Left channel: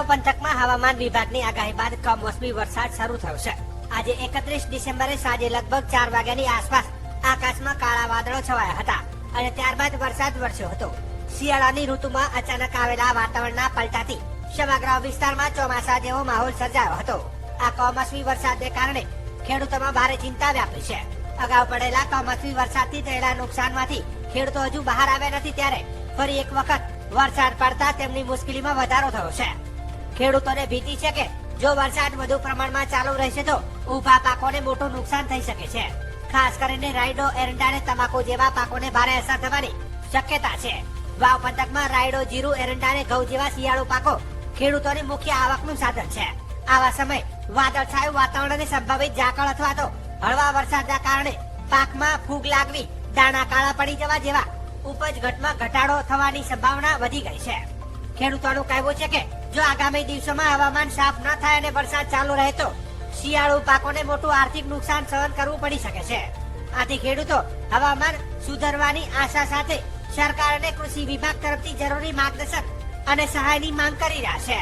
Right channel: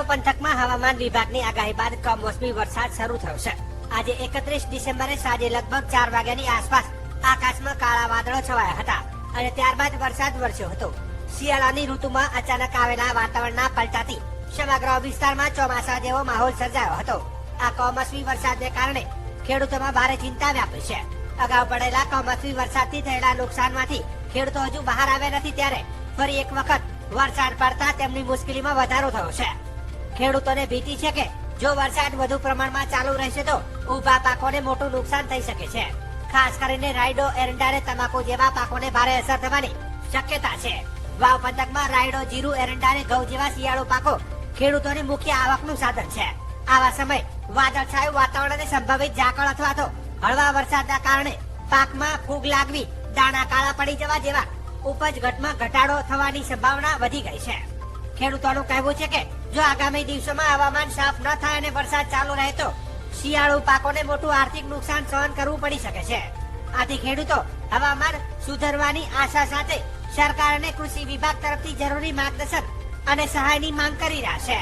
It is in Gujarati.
વાવ પંથકમાં હવામાન વિભાગની આગાહી બાદ કમોસમી વરસાદ શરૂ થયો છે. આજે 31 ડિસેમ્બરે સાંજે લગભગ 4 વાગ્યાની આસપાસ આકાશમાં કાળા વાદળો છવાયા હતા અને ત્યારબાદ વરસાદ વરસ્યો હતો. શિયાળાની ઋતુમાં અચાનક આવેલા વાતાવરણના પલટાથી સમગ્ર વિસ્તારમાં ચોમાસા જેવો માહોલ સર્જાયો હતો. આ કમોસમી વરસાદને કારણે ખેડૂતોમાં ભારે ચિંતા વ્યાપી છે. અગાઉ પડેલા કમોસમી વરસાદથી થયેલા નુકસાનમાંથી ખેડૂતો હજુ બહાર આવ્યા નથી, ત્યારે ફરી એક વખત વરસાદ પડતા તેમની મુશ્કેલીમાં વધારો થયો છે. ખેડૂતોને ભીતિ છે કે જો વરસાદ વધુ પ્રમાણમાં ચાલુ રહેશે તો ઊભા પાકોને મોટું નુકસાન થઈ શકે છે. ખાસ કરીને રાયડો, એરંડા અને તમાકુ જેવા પાકોને ભારે અસર થવાની શક્યતા છે. વાવ પંથકમાં રાયડો, જીરું, એરંડા અને ઘઉં જેવા શિયાળુ પાકો ખેડૂતોની મુખ્ય આવકનું સાધન છે. આવા સમયે વાદળછાયું વાતાવરણ અને સંભવિત ઝાકળ અથવા તો હળવા વરસાદના કારણે પાકમાં ફૂગ લાગવી, દાણા કાળા પડી જવા જેવા ઉપજ ઘટમાં ઘટાડો થવાની સંભાવના વધી ગઈ છે. ખેડૂતોનું કહેવું છે કે જો આગામી દિવસોમાં હવામાન સાફ ન થાય અને વરસાદ ચાલુ રહે તો શિયાળુ પાકોને મોટું આર્થિક નુકસાન સહન કરવું પડી શકે છે. આથી ખેડૂતો હવામાન સુધરવાની આશા સાથે સરકાર અને કૃષિ વિભાગ તરફથી જરૂરી માર્ગદર્શન અને સહાયની માંગ કરી રહ્યા છે.